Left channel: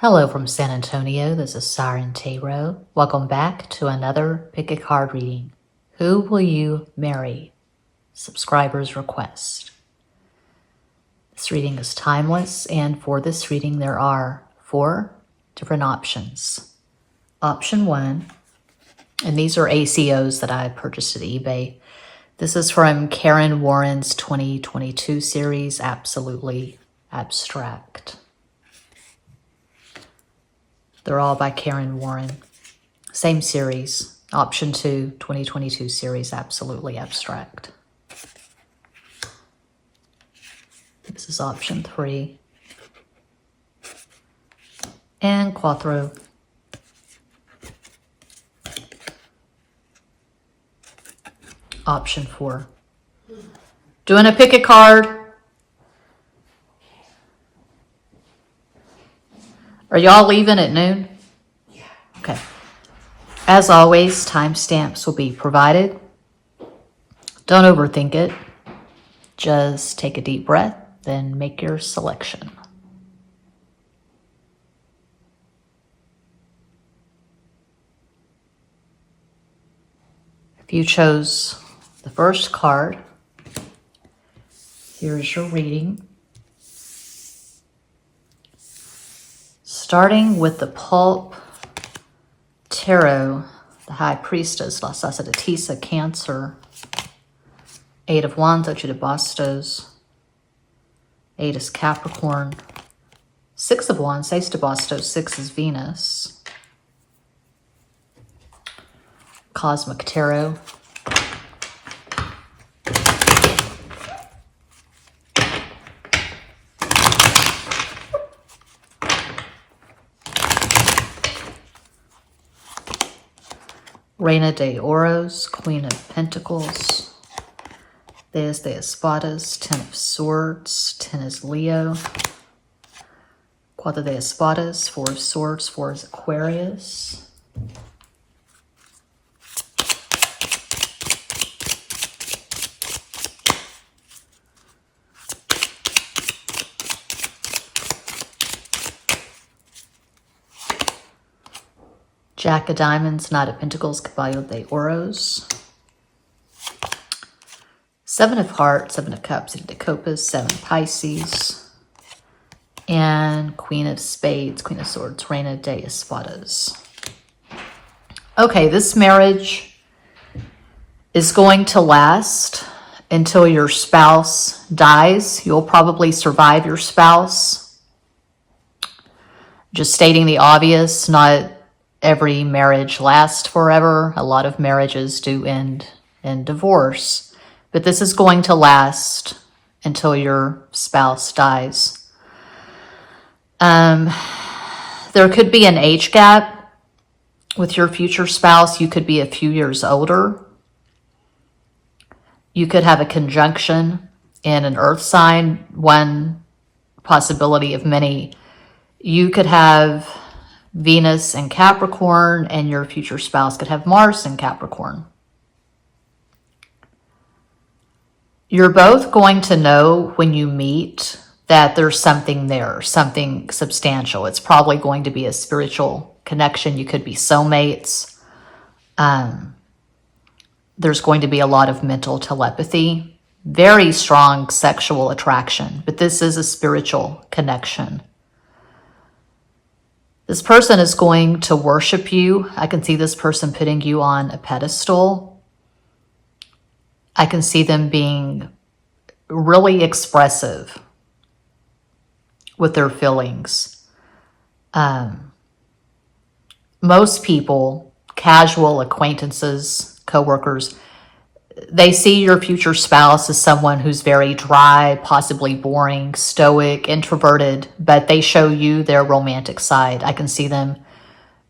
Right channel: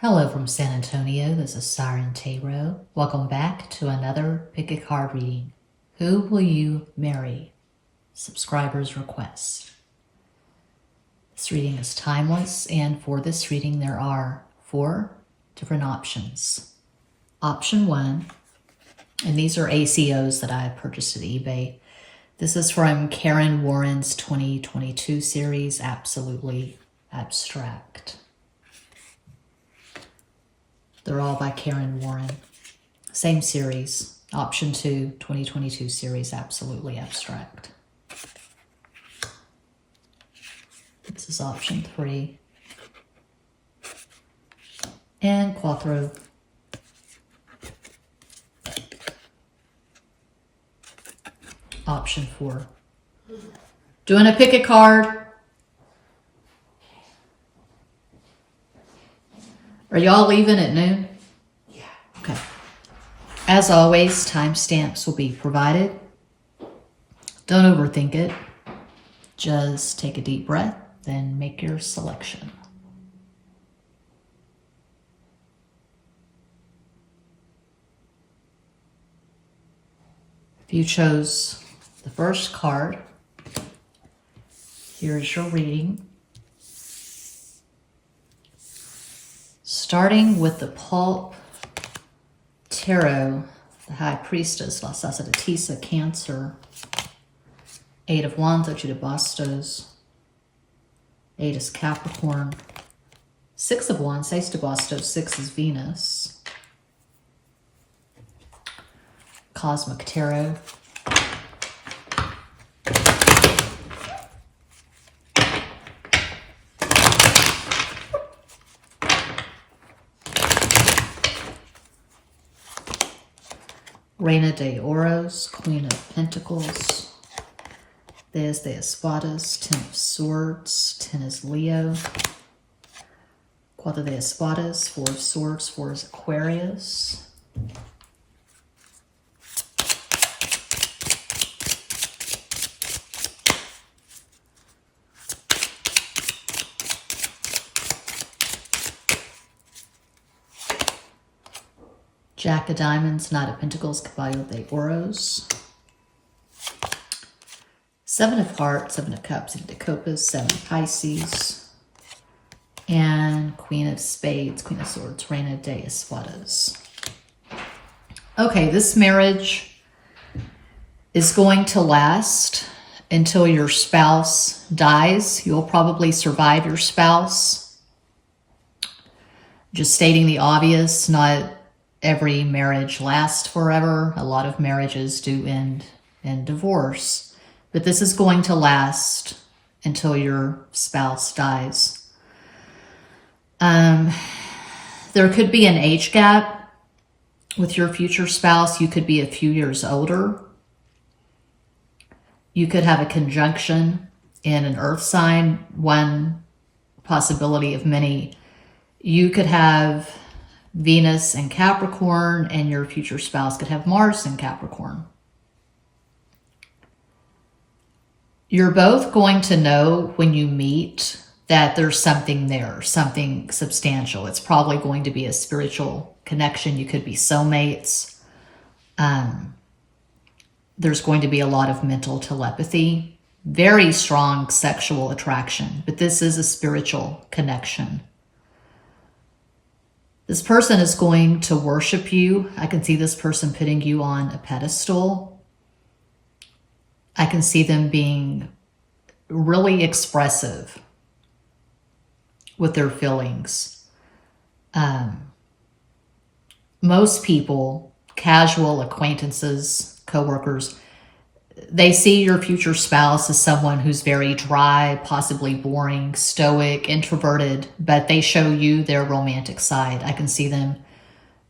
Hello from San Antonio, this is SIREN Tarot. Welcome back to another Pick a Card reading. Who will you marry? Subscriber's request. This reading is timeless, and for this reading there are 4 different options. Option 1, and these are ACOs that I purchased at eBay. This is from Karen Warren's 2022 series, Absolutely Abstract. They're all by Karen Warren. Same series. Option 2, 2022 series, Absolutely Abstract. This is option 3. And Quattro. Option 4. Doing a pick a card. Are y'all leaving at noon? Yeah. Okay. As always, timestamps will be provided. Don't overthink it. Just take a deep breath, then make your selection. If you chose the first card, here's your reading. Starting with the Pulp Tarot, the High Priestess, La Sacerdotisa, Cancer, 8 of Wands, Ocho de Bastos, 8 is Capricorn, 6 of Wands, Ace de Bastos, 6 is Venus, Cosmic Tarot, Reina de Oros, Queen of Pentacles, There's de Espadas, 10 of Swords, 10 is Leo, Cuatro de Espadas, 4 of Swords, 4 is Aquarius, Jack of Diamonds, Knight of Pentacles, Caballo de Oros, 7 of Hearts, 7 of Cups, 8 of Copas, 7 Pisces, and Queen of Spades, Queen of Swords, Reina de Espadas. Okay, this marriage is going to last until your spouse dies. You'll probably survive your spouse. Just stating the obvious, not every marriage lasts forever. A lot of marriages do end in divorce, but this is going to last until your spouse dies. There could be an age gap with your future spouse. You could be a few years older. You could have a conjunction in an earth sign, one possibility of many. You could have Venus and Capricorn, and your future spouse could have Mars and Capricorn. You're both going to know when you meet that there's something there, something substantial. It's probably going to be a spiritual connection. You could be soulmates. There's going to be a lot of mental telepathy, very strong sexual attraction, but this is a spiritual connection. This person is going to worship you. I can see this person putting you on a pedestal. I can see them being really expressive with their feelings. Most people, casual acquaintances, coworkers, they see your future spouse as someone who's very dry, possibly boring, stoic, introverted, but they show you their romantic side. I can see them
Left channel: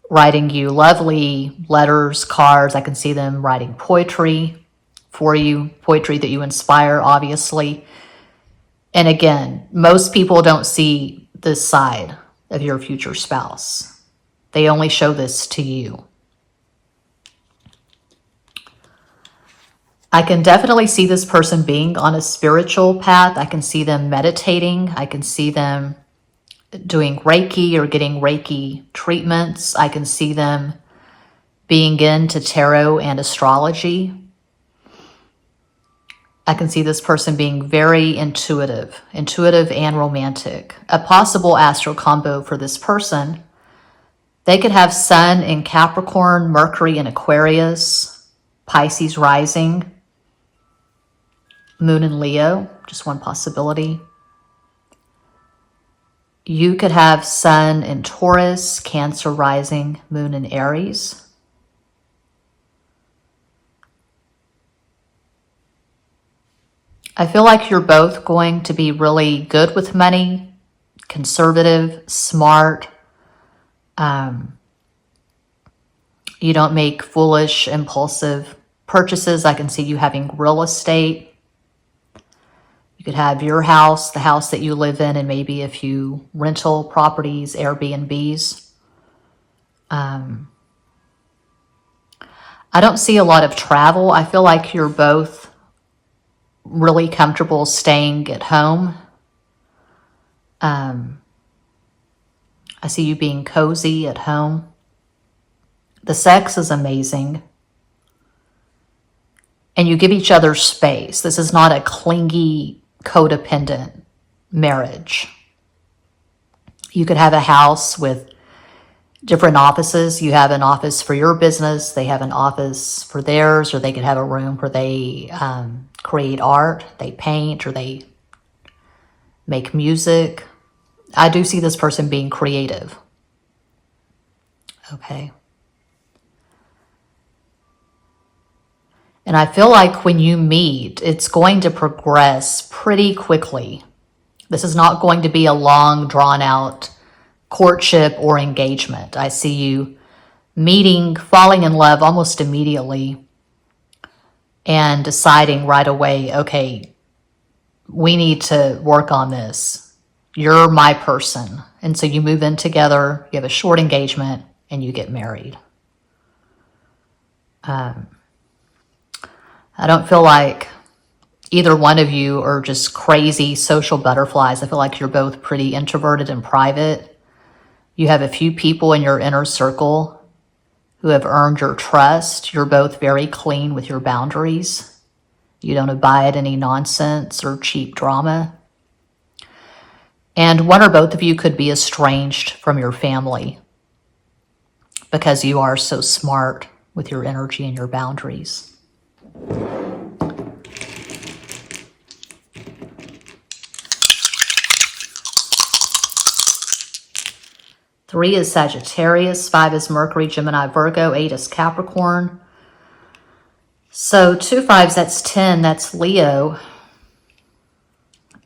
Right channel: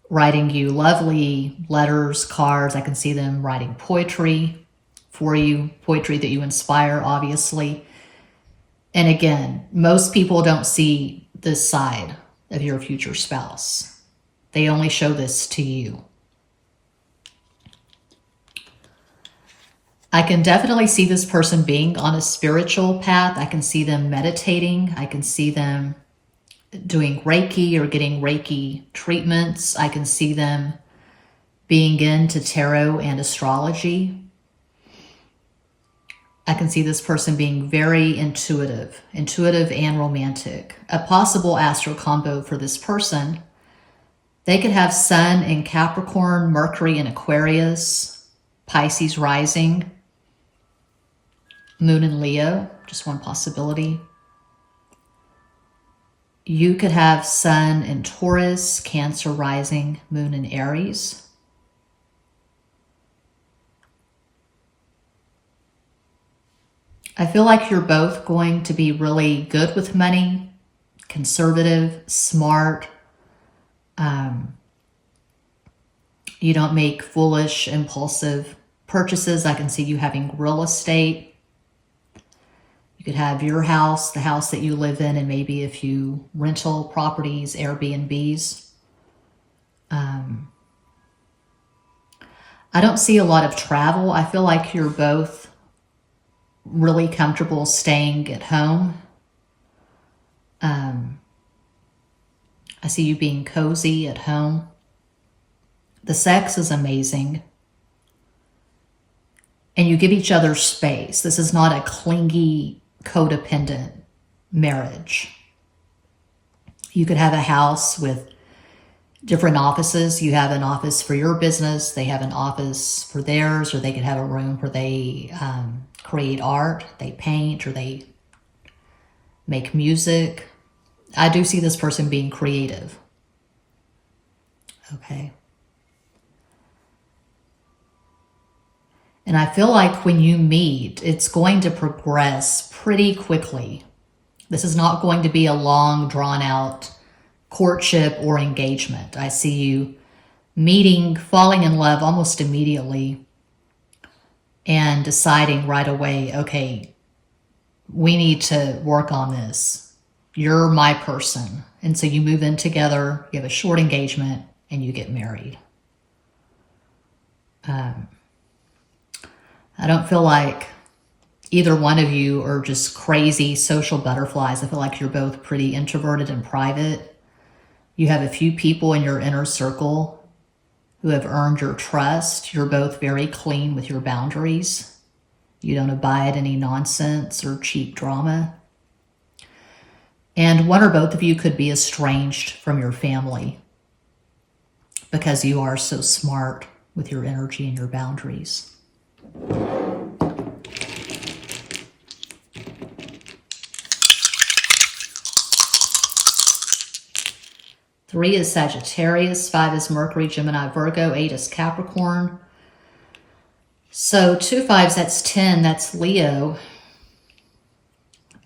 writing you lovely letters, cards. I can see them writing poetry for you, poetry that you inspire, obviously. And again, most people don't see this side of your future spouse. They only show this to you. I can definitely see this person being on a spiritual path. I can see them meditating. I can see them doing Reiki or getting Reiki treatments. I can see them being into tarot and astrology. I can see this person being very intuitive and romantic. A possible astral combo for this person: they could have Sun in Capricorn, Mercury in Aquarius, Pisces rising, Moon in Leo, just one possibility. You could have Sun in Taurus, Cancer rising, Moon in Aries. I feel like you're both going to be really good with money, conservative, smart. You don't make foolish, impulsive purchases. I can see you having real estate. You could have your house, the house that you live in, and maybe a few rental properties, Airbnbs. I don't see a lot of travel. I feel like you're both really comfortable staying at home. I see you being cozy at home. The sex is amazing. And you give each other space. This is not a clingy, codependent marriage. You could have a house with different offices. You have an office for your business. They have an office for theirs, or they could have a room where they create art, they paint, or they make music. I do see this person being creative. Okay. And I feel like when you meet, it's going to progress pretty quickly. This is not going to be a long, drawn-out courtship or engagement. I see you meeting, falling in love almost immediately, and deciding right away, okay, we need to work on this. You're my person. And so you move in together, you have a short engagement, and you get married. I don't feel like either one of you are just crazy social butterflies. I feel like you're both pretty introverted and private. You have a few people in your inner circle who have earned your trust. You're both very clean with your boundaries. You don't abide any nonsense or cheap drama. And one or both of you could be estranged from your family because you are so smart with your energy and your boundaries. Three is Sagittarius, 5 is Mercury, Gemini, Virgo, 8 is Capricorn. So 2 5s, that's 10, that's Leo.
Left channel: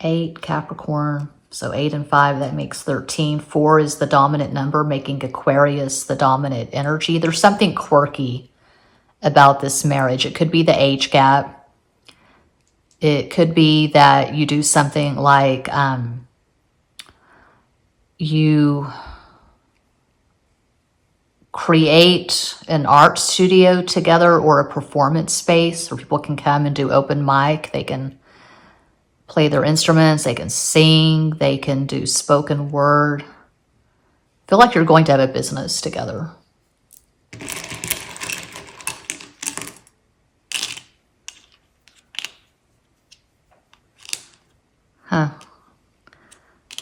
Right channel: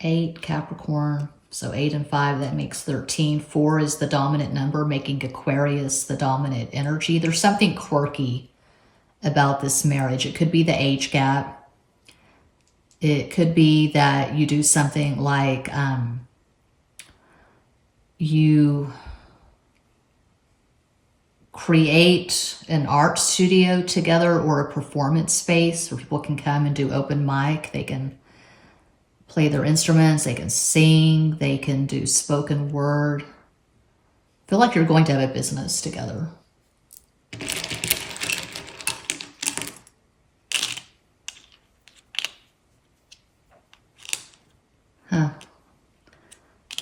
8, Capricorn, so 8 and 5, that makes 13. 4 is the dominant number, making Aquarius the dominant energy. There's something quirky about this marriage. It could be the age gap. It could be that you do something like you create an art studio together, or a performance space where people can come and do open mic. They can play their instruments, they can sing, they can do spoken word. I feel like you're going to have a business together.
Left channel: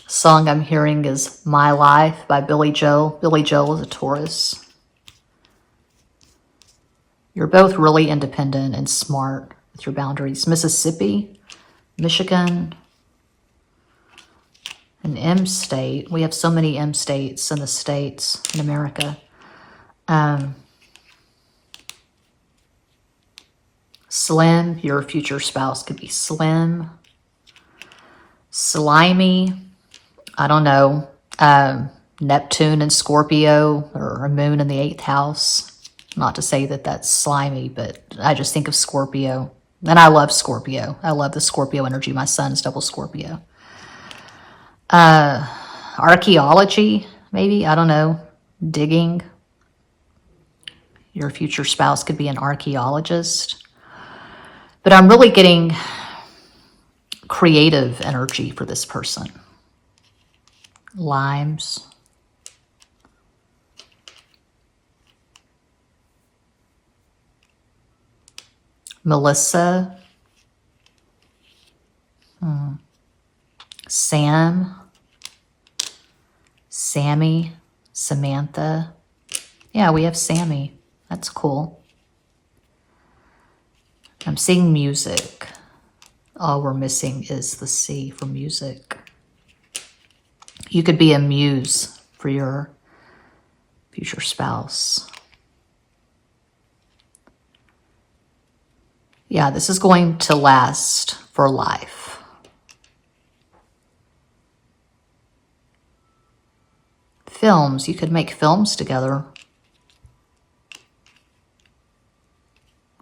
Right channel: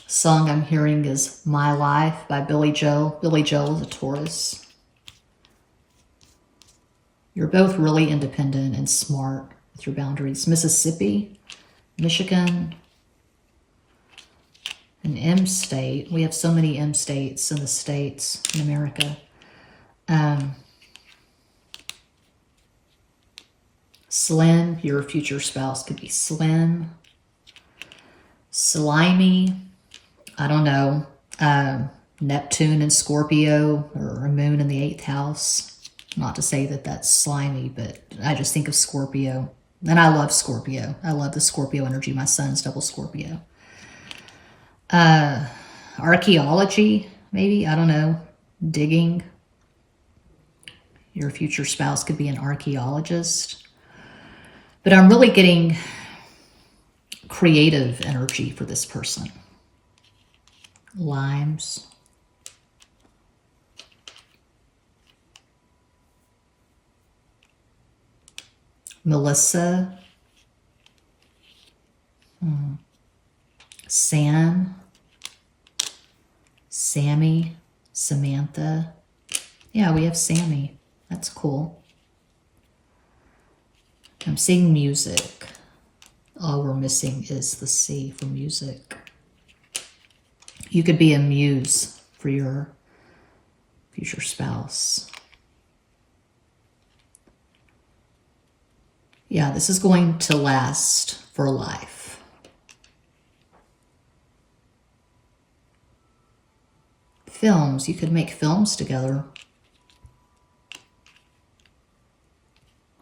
Song I'm hearing is My Life by Billy Joel. Billy Joel is a Taurus. You're both really independent and smart with your boundaries. Mississippi, Michigan, an M state. We have so many M states in the States, in America. Slim, your future spouse could be slim. Slimy, I don't know, Neptune and Scorpio, or a moon in the 8th house. Not to say that that's slimy, but I just think of Scorpio. And I love Scorpio. I love the Scorpio energy. My son's double Scorpio. Archaeology, maybe, I don't know, digging. Your future spouse could be an archaeologist. But I'm really getting creative energy for this person. limes. Melissa. Sam. Sammy. Samantha. Yeah, we have Sammy. That's cool. I'm seeing music. All we're missing is the C for music. You could be a muse for your future spouse. Yeah, this is going to last for life. Films, you could make films together.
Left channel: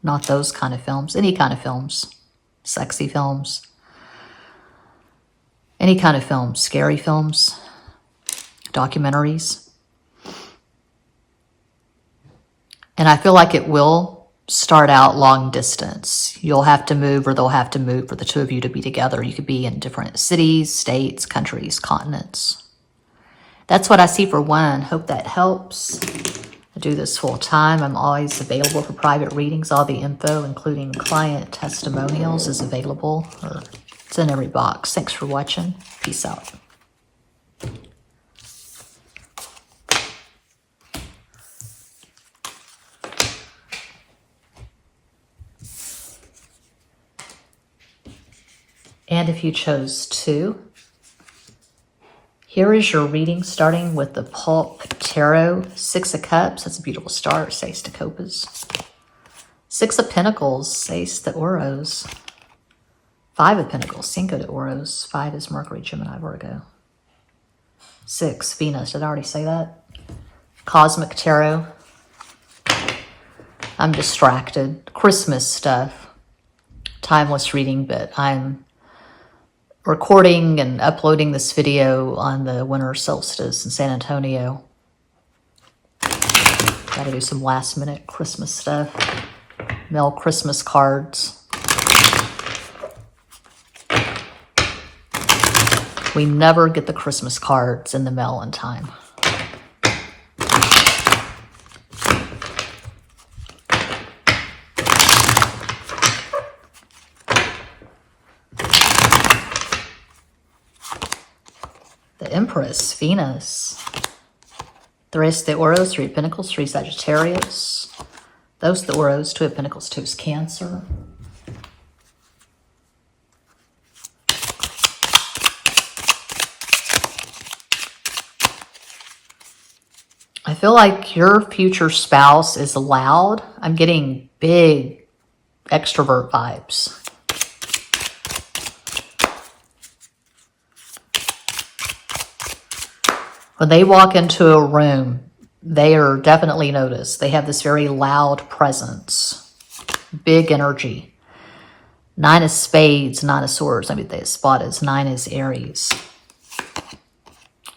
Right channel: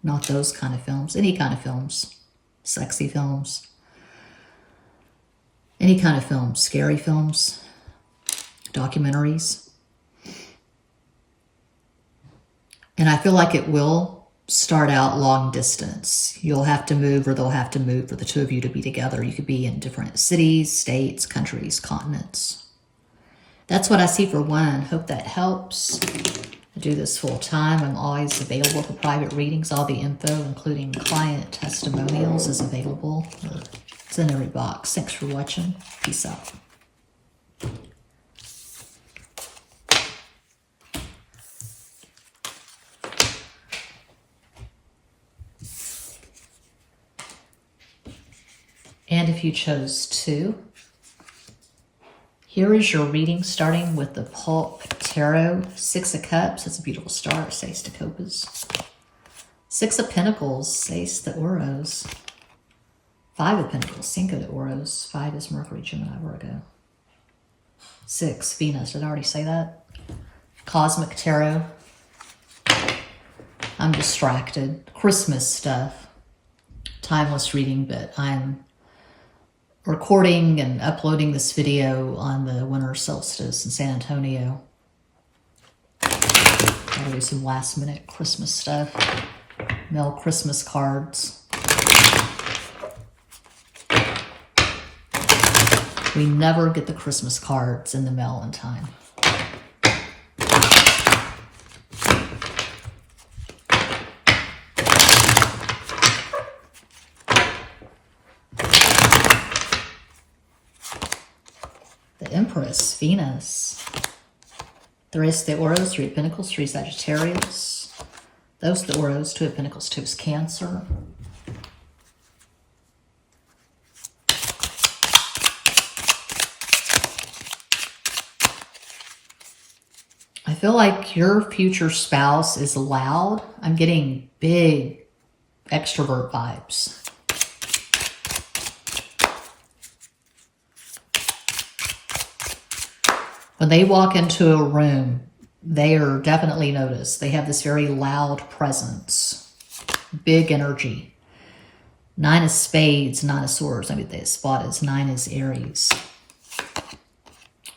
Not those kind of films, any kind of films. Sexy films. Any kind of films, scary films, documentaries. And I feel like it will start out long distance. You'll have to move, or they'll have to move for the two of you to be together. You could be in different cities, states, countries, continents. That's what I see for one. Hope that helps. I do this full time. I'm always available for private readings. All the info, including client testimonials, is available. It's in every box. Thanks for watching. Peace out. And if you chose to, here is your reading, starting with the Pulp Tarot. 6 of Cups, that's a beautiful start. Seis de Copas. 6 of Pentacles, Seis de Oros. 5 of Pentacles, Cinco de Oros. 5 is Mercury, Gemini, Virgo. 6, Venus, did I already say that? Cosmic Tarot. I'm distracted. Christmas stuff. Timeless reading, but I'm recording and uploading this video on the winter solstice in San Antonio. Gotta do some last minute Christmas stuff. Mail Christmas cards. We never get the Christmas cards in the mail in time. The Empress, Venus. 3 de Oros, 3 of Pentacles, 3 Sagittarius. Those de Oros, 2 of Pentacles, 2 is Cancer. I feel like your future spouse is loud. I'm getting big extrovert vibes. When they walk into a room, they are definitely noticed. They have this very loud presence, big energy. 9 is Spades, 9 of Swords. I mean, the spot is 9 is Aries.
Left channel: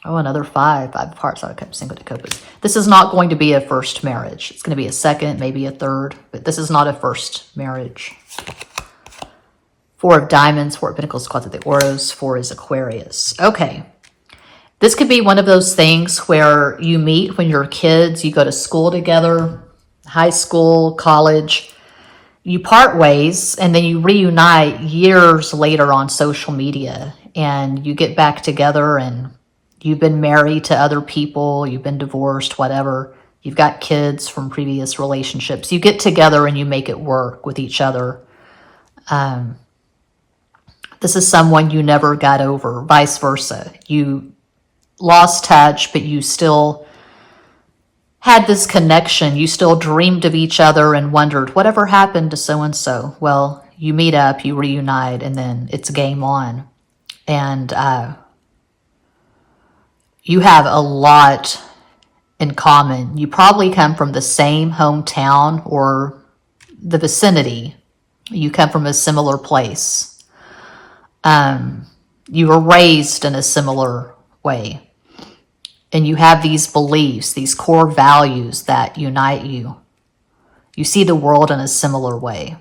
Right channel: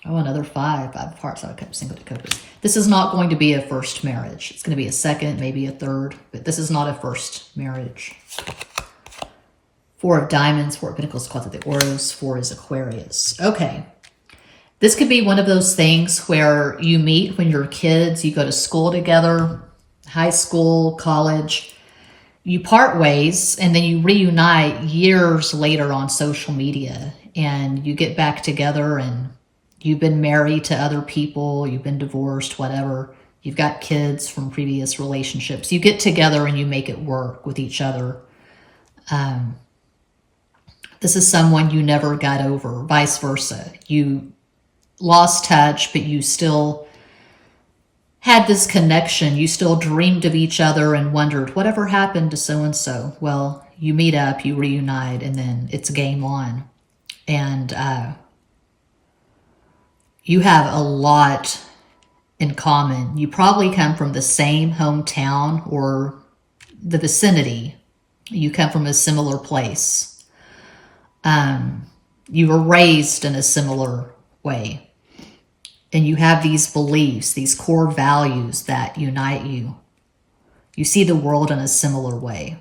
Oh, another 5. 5 of Hearts, out of Cups, Cinco de Copas. This is not going to be a first marriage. It's going to be a second, maybe a third, but this is not a first marriage. 4 of Diamonds, 4 of Pentacles, 4 de Oros, 4 is Aquarius. Okay. This could be one of those things where you meet when you're kids, you go to school together, high school, college, you part ways, and then you reunite years later on social media, and you get back together, and you've been married to other people, you've been divorced, whatever. You've got kids from previous relationships. You get together and you make it work with each other. This is someone you never got over, vice versa. You lost touch, but you still had this connection. You still dreamed of each other and wondered, whatever happened to so-and-so? Well, you meet up, you reunite, and then it's game on. And you have a lot in common. You probably come from the same hometown or the vicinity. You come from a similar place. You were raised in a similar way. And you have these beliefs, these core values that unite you. You see the world in a similar way.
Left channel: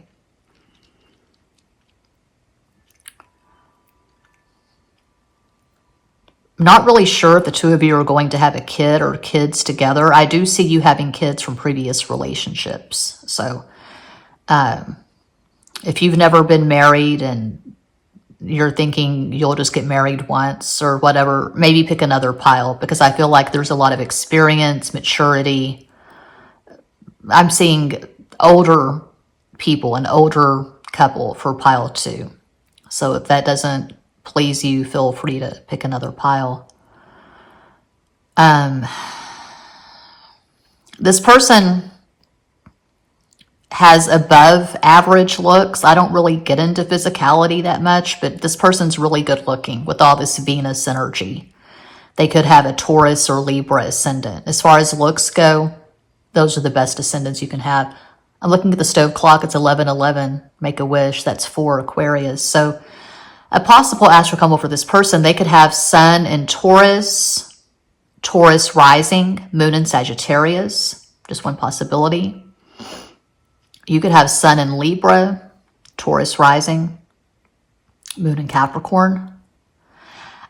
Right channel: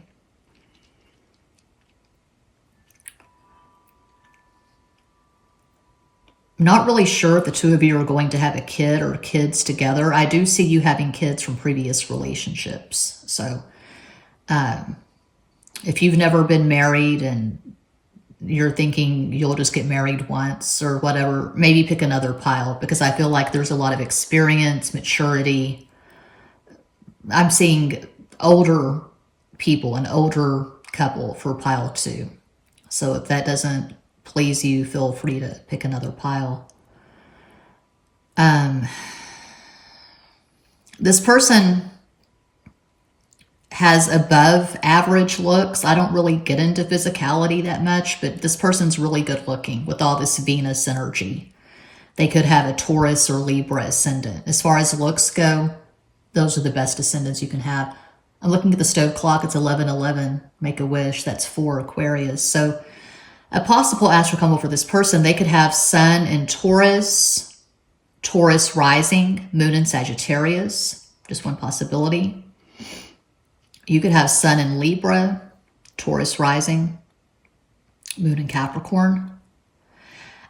not really sure if the two of you are going to have a kid or kids together. I do see you having kids from previous relationships. So if you've never been married and you're thinking you'll just get married once or whatever, maybe pick another pile, because I feel like there's a lot of experience, maturity. I'm seeing older people, an older couple for pile 2. So if that doesn't please you, feel free to pick another pile. This person has above average looks. I don't really get into physicality that much, but this person's really good looking with all this Venus energy. They could have a Taurus or Libra ascendant. As far as looks go, those are the best ascendants you can have. I'm looking at the stove clock. It's 11:11. Make a wish. That's 4 Aquarius. So a possible astral combo for this person, they could have Sun in Taurus, Taurus rising, Moon in Sagittarius. Just one possibility. You could have Sun in Libra, Taurus rising, Moon in Capricorn.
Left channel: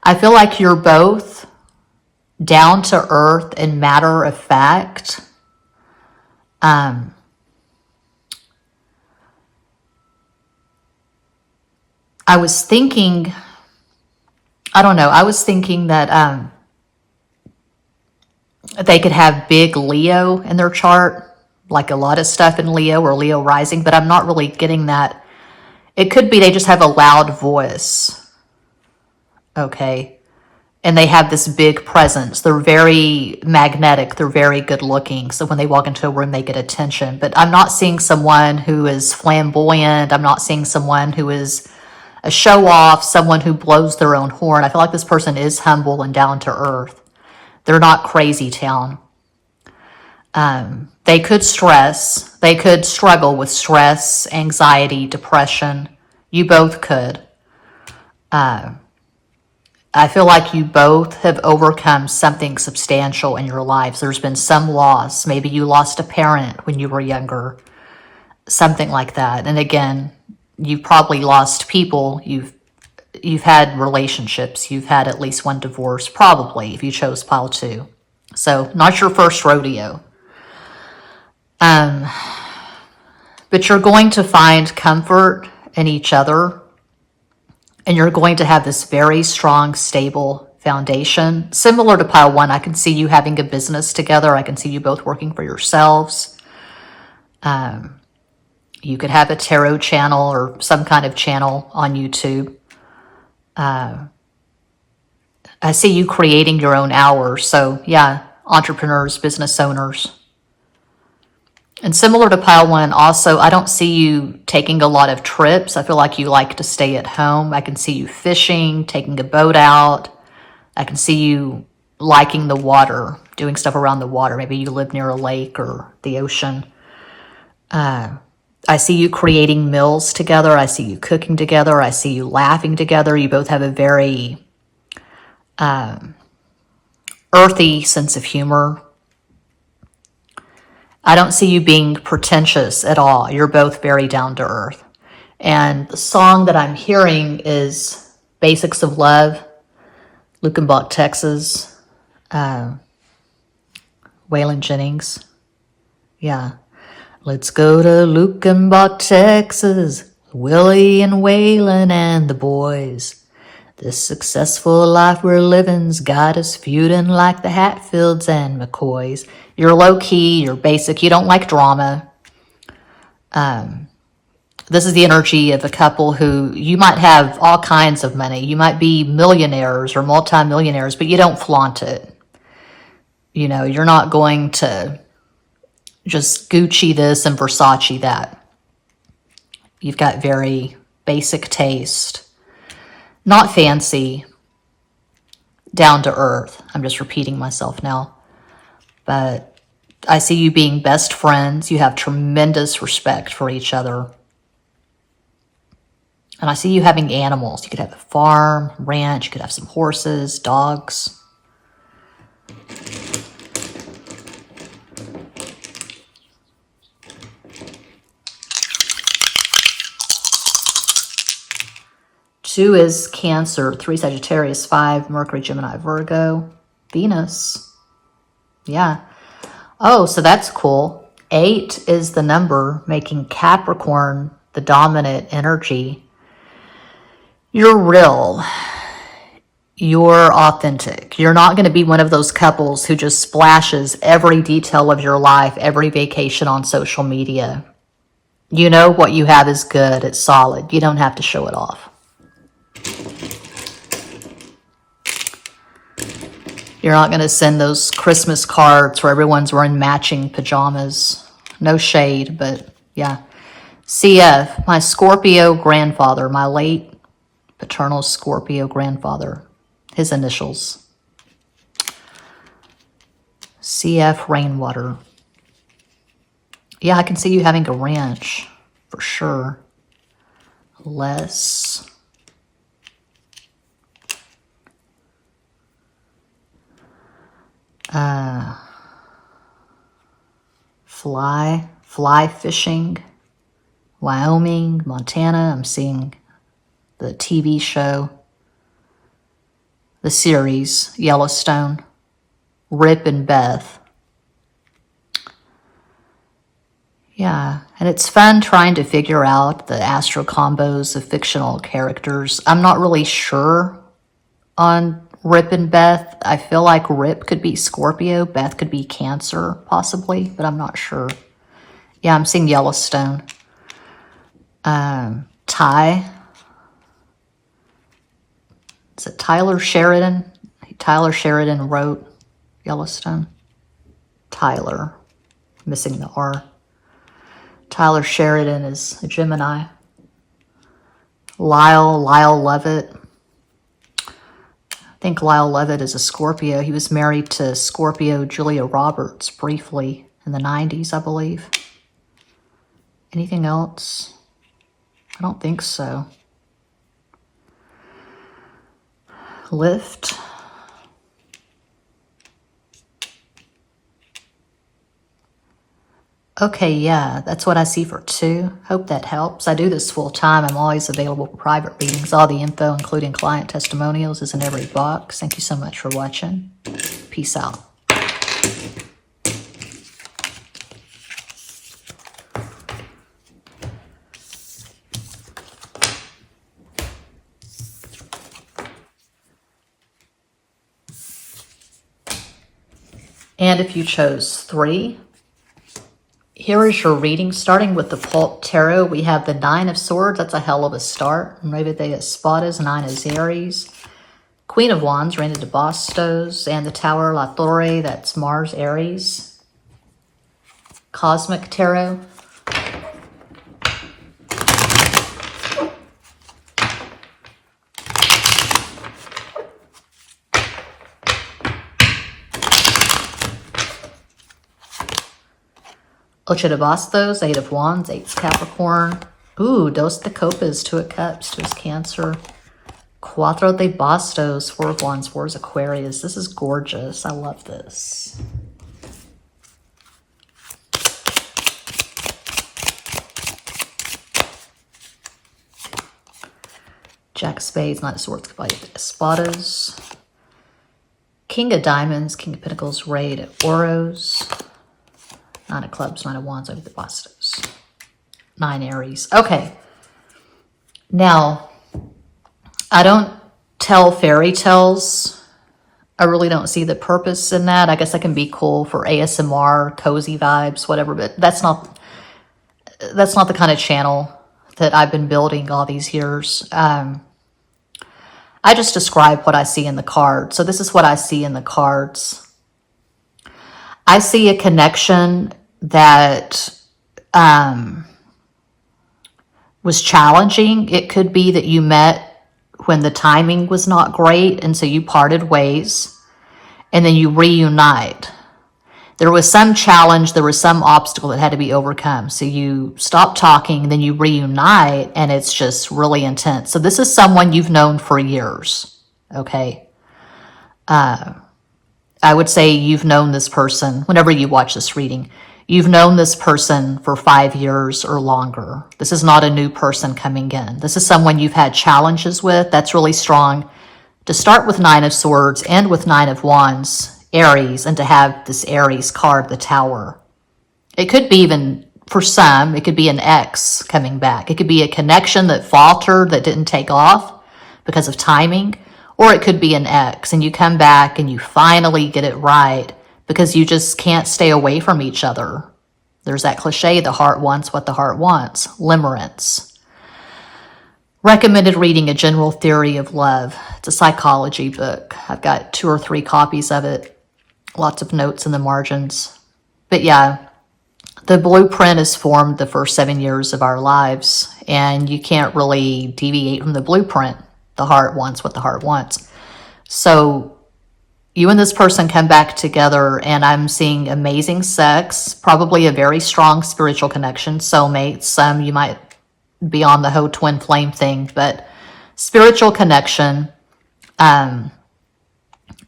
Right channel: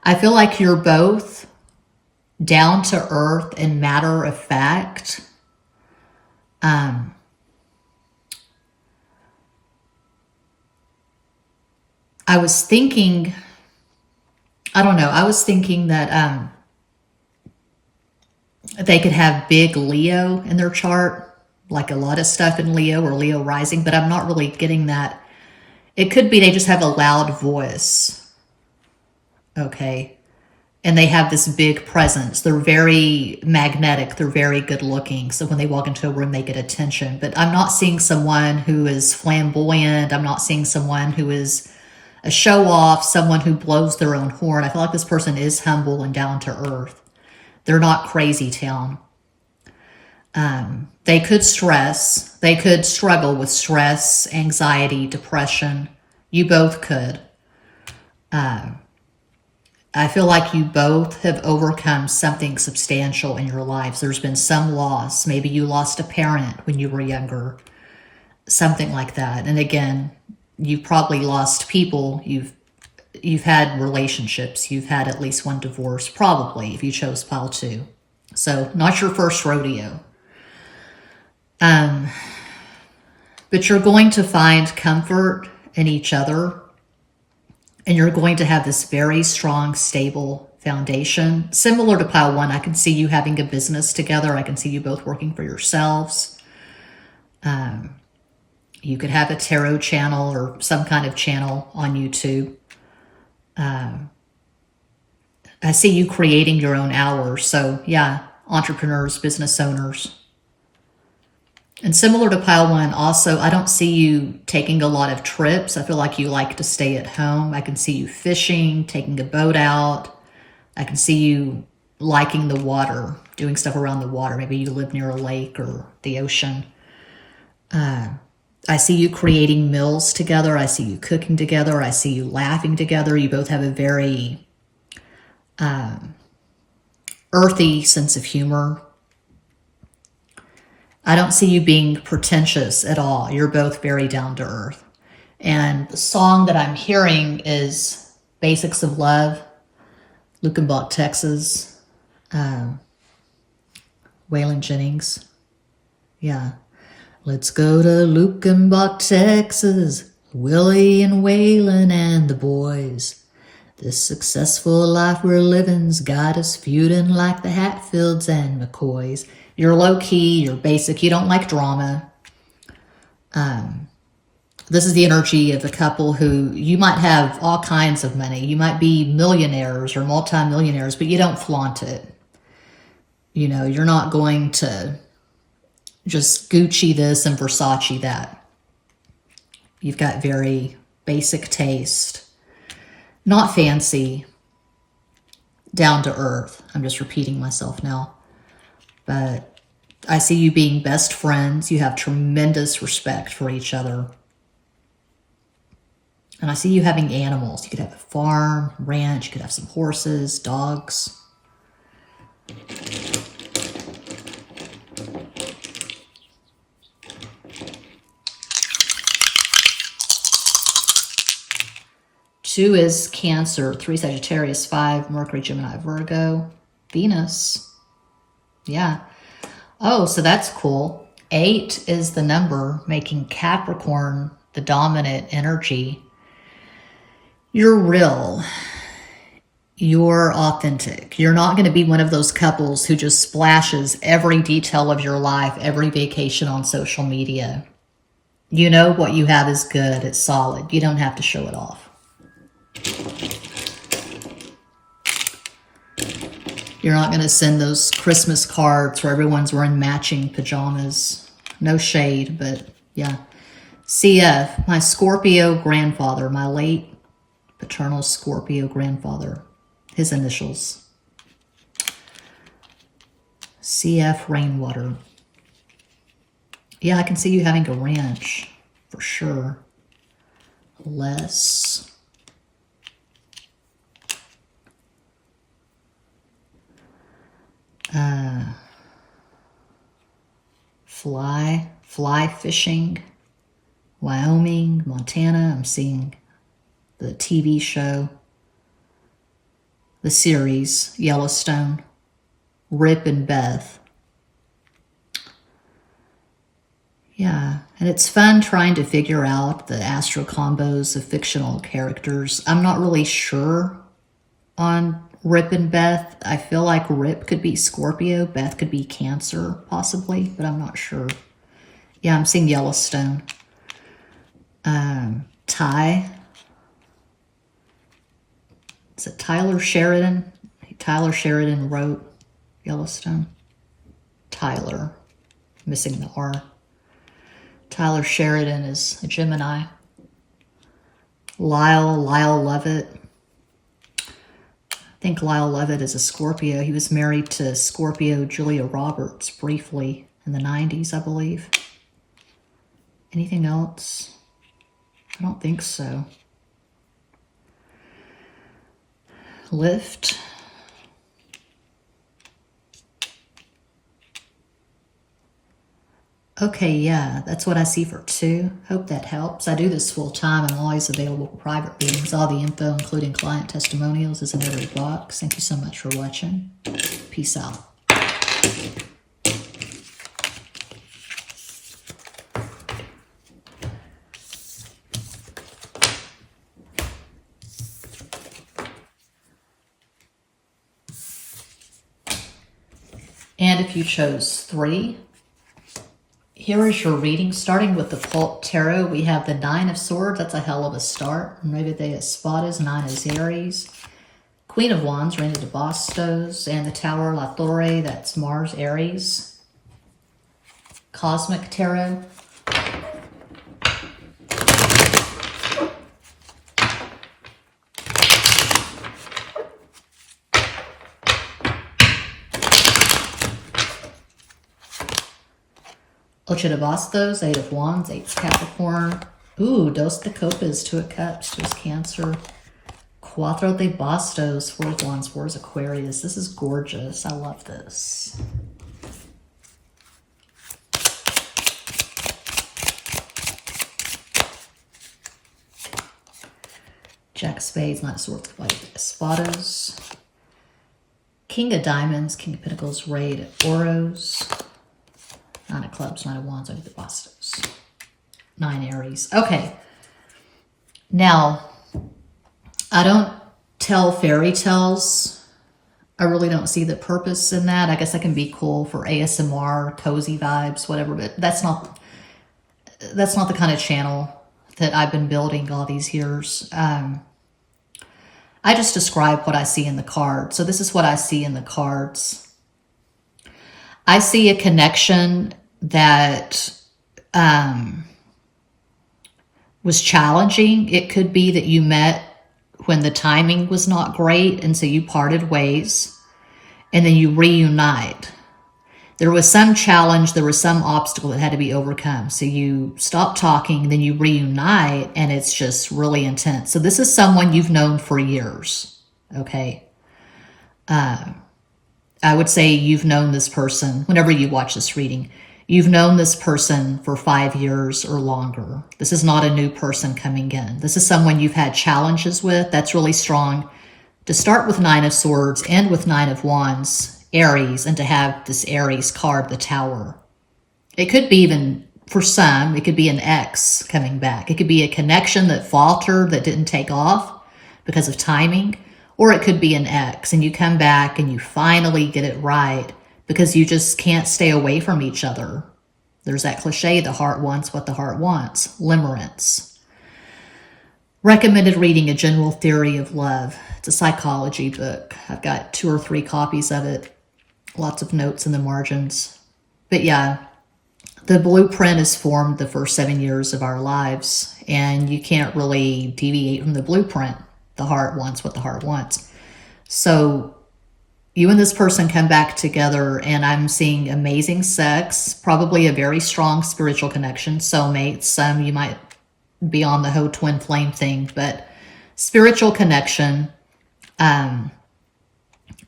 I feel like you're both down to earth and matter of fact. I was thinking that they could have big Leo in their chart, like a lot of stuff in Leo or Leo rising, but I'm not really getting that. It could be they just have a loud voice, okay? And they have this big presence. They're very magnetic. They're very good looking. So when they walk into a room, they get attention. But I'm not seeing someone who is flamboyant. I'm not seeing someone who is a show off, someone who blows their own horn. I feel like this person is humble and down to earth. They're not crazy town. They could stress. They could struggle with stress, anxiety, depression. You both could. I feel like you both have overcome something substantial in your lives. There's been some loss. Maybe you lost a parent when you were younger. Something like that. And again, you've probably lost people. You've had relationships. You've had at least one divorce, probably, if you chose pile 2. So not your first rodeo. But you're going to find comfort in each other. And you're going to have this very strong, stable foundation. Similar to pile 1, I can see you having a business together. I can see you both working for yourselves. You could have a tarot channel or some kind of channel on YouTube. I see you creating your own hours. So yeah, entrepreneurs, business owners. And similar to pile 1, also, I don't see you taking a lot of trips. I feel like you like to stay at home. I can see you fishing, taking a boat out. I can see you liking the water, doing stuff around the water. Maybe you live near a lake or the ocean. I see you creating meals together. I see you cooking together. I see you laughing together. You both have a very earthy sense of humor. I don't see you being pretentious at all. You're both very down to earth. And the song that I'm hearing is Basics of Love, Lukenbach, Texas, Waylon Jennings. Yeah. Let's go to Lukenbach, Texas, Willie and Waylon and the boys. This successful life we're living's got us feuding like the Hatfields and McCoys. You're low-key, you're basic, you don't like drama. This is the energy of a couple who, you might have all kinds of money. You might be millionaires or multimillionaires, but you don't flaunt it. You know, you're not going to just Gucci this and Versace that. You've got very basic taste. Not fancy. Down to earth. I'm just repeating myself now. But I see you being best friends. You have tremendous respect for each other. And I see you having animals. You could have a farm, ranch. You could have some horses, dogs. 2 is Cancer, 3 Sagittarius, 5 Mercury, Gemini, Virgo, Venus. Yeah. Oh, so that's cool. 8 is the number, making Capricorn the dominant energy. You're real. You're authentic. You're not going to be one of those couples who just splashes every detail of your life, every vacation on social media. You know what you have is good. It's solid. You don't have to show it off. You're not going to send those Christmas cards where everyone's wearing matching pajamas. No shade, but yeah. CF, my Scorpio grandfather, my late paternal Scorpio grandfather, his initials. CF Rainwater. Yeah, I can see you having a ranch for sure. Less. Fly fishing. Wyoming, Montana. I'm seeing the TV show. The series, Yellowstone. Rip and Beth. Yeah, and it's fun trying to figure out the astro combos of fictional characters. I'm not really sure on Rip and Beth. I feel like Rip could be Scorpio, Beth could be Cancer, possibly, but I'm not sure. Yeah, I'm seeing Yellowstone. Ty. Is it Tyler Sheridan? Tyler Sheridan wrote Yellowstone. Tyler, missing the R. Tyler Sheridan is a Gemini. Lyle Lovett. I think Lyle Lovett is a Scorpio. He was married to Scorpio Julia Roberts briefly in the 90s, I believe. Anything else? I don't think so. Lift. Okay, yeah, that's what I see for 2. Hope that helps. I do this full time. I'm always available for private readings. All the info, including client testimonials, is in every box. Thank you so much for watching. Peace out. And if you chose 3, here is your reading. Starting with the Pult Tarot, we have the 9 of Swords. That's a hell of a start. Reina de Espadas, 9 is Aries. Queen of Wands, Reina de Bastos. And the Tower, La Torre, that's Mars, Aries. Cosmic Tarot. Ocho de Bastos, 8 of Wands, 8 Capricorn. Ooh, Dos de Copas, 2 of Cups, 2 is Cancer. Cuatro de Bastos, 4 of Wands, 4 is Aquarius. This is gorgeous. I love this. Jack of Spades, 9 of Swords, 5 of Espadas. King of Diamonds, King of Pentacles, Rey de Oros. 9 of Clubs, 9 of Wands, 8 of the Bastos. 9 Aries. Okay. Now, I don't tell fairy tales. I really don't see the purpose in that. I guess that can be cool for ASMR, cozy vibes, whatever, but that's not the kind of channel that I've been building all these years. I just describe what I see in the cards. So this is what I see in the cards. I see a connection that was challenging. It could be that you met when the timing was not great, and so you parted ways, and then you reunite. There was some challenge, there was some obstacle that had to be overcome. So you stop talking, then you reunite, and it's just really intense. So this is someone you've known for years, okay? I would say you've known this person, whenever you watch this reading, You've known this person for 5 years or longer. This is not a new person coming in. This is someone you've had challenges with. That's really strong. To start with Nine of Swords, end with Nine of Wands, Aries, and to have this Aries card, the Tower. It could be even, for some, it could be an ex coming back. It could be a connection that faltered, that didn't take off because of timing, or it could be an ex, and you come back and you finally get it right because you just can't stay away from each other. There's that cliche, the heart wants what the heart wants, limerence. Recommended reading A General Theory of Love. It's a psychology book. I've got 2 or 3 copies of it. Lots of notes in the margins. But yeah, the blueprint is formed the first 7 years of our lives, and you can't really deviate from the blueprint. The heart wants what the heart wants. So you and this person come back together, and I'm seeing amazing sex, probably a very strong spiritual connection, soulmates. Some you might be on the whole twin flame thing, but spiritual connection.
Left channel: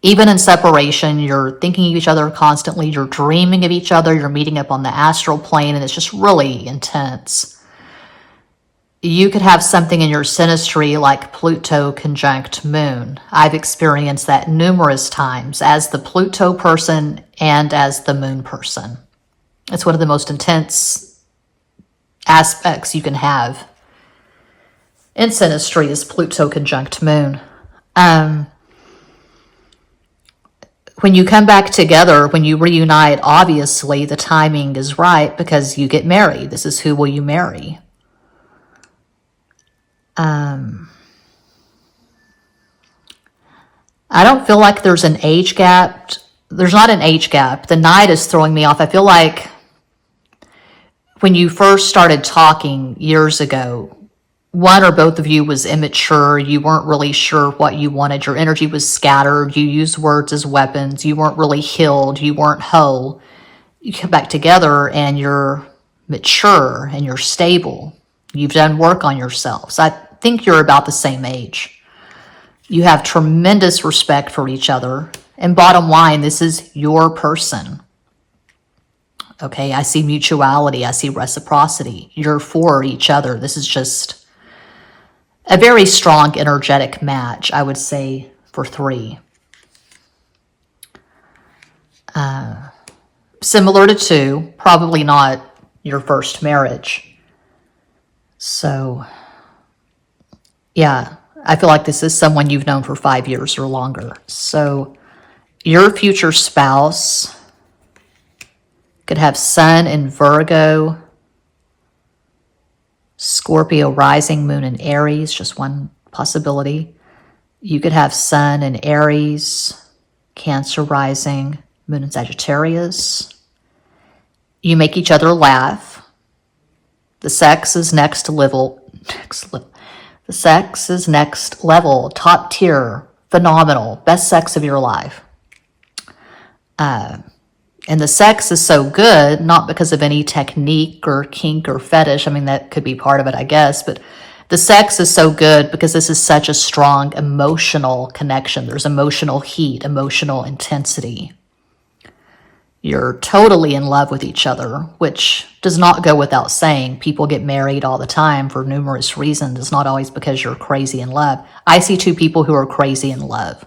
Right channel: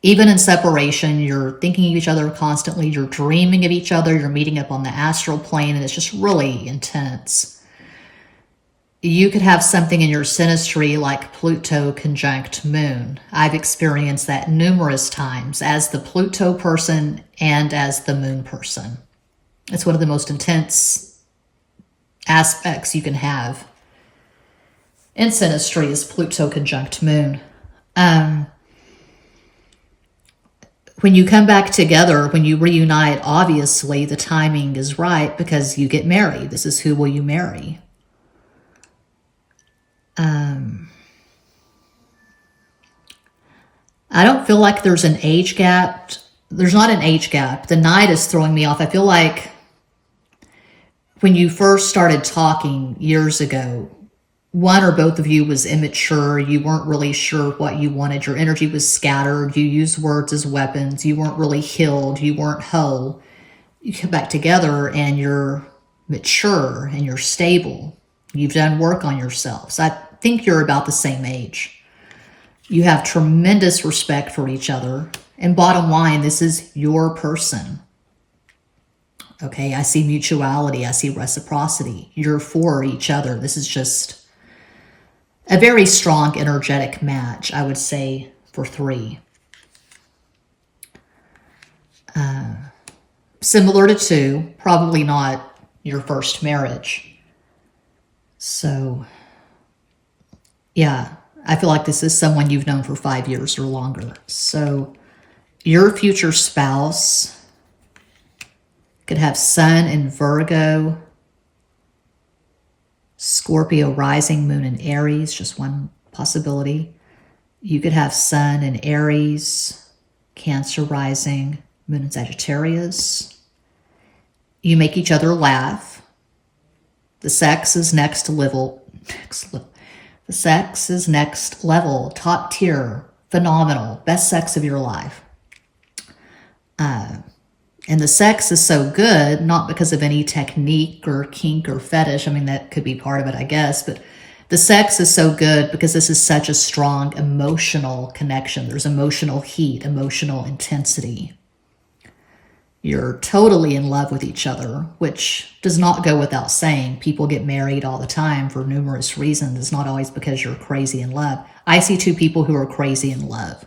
Even in separation, you're thinking of each other constantly, you're dreaming of each other, you're meeting up on the astral plane, and it's just really intense. You could have something in your synastry like Pluto conjunct Moon. I've experienced that numerous times as the Pluto person and as the Moon person. It's one of the most intense aspects you can have in synastry is Pluto conjunct Moon. When you come back together, when you reunite, obviously the timing is right because you get married. This is who will you marry. I don't feel like there's an age gap. There's not an age gap. The Knight is throwing me off. I feel like when you first started talking years ago, one or both of you was immature. You weren't really sure what you wanted. Your energy was scattered. You used words as weapons. You weren't really healed. You weren't whole. You come back together and you're mature and you're stable. You've done work on yourselves. I think you're about the same age. You have tremendous respect for each other. And bottom line, this is your person. Okay, I see mutuality. I see reciprocity. You're for each other. This is just a very strong energetic match, I would say, for 3. Similar to 2, probably not your first marriage. So, yeah, I feel like this is someone you've known for 5 years or longer. So, your future spouse could have Sun in Virgo, Scorpio rising, Moon in Aries, just one possibility. You could have Sun in Aries, Cancer rising, Moon in Sagittarius. You make each other laugh. The sex is next level. The sex is next level, top tier, phenomenal, best sex of your life. And the sex is so good, not because of any technique or kink or fetish. I mean, that could be part of it, I guess. But the sex is so good because this is such a strong emotional connection. There's emotional heat, emotional intensity. You're totally in love with each other, which does not go without saying. People get married all the time for numerous reasons. It's not always because you're crazy in love. I see 2 people who are crazy in love.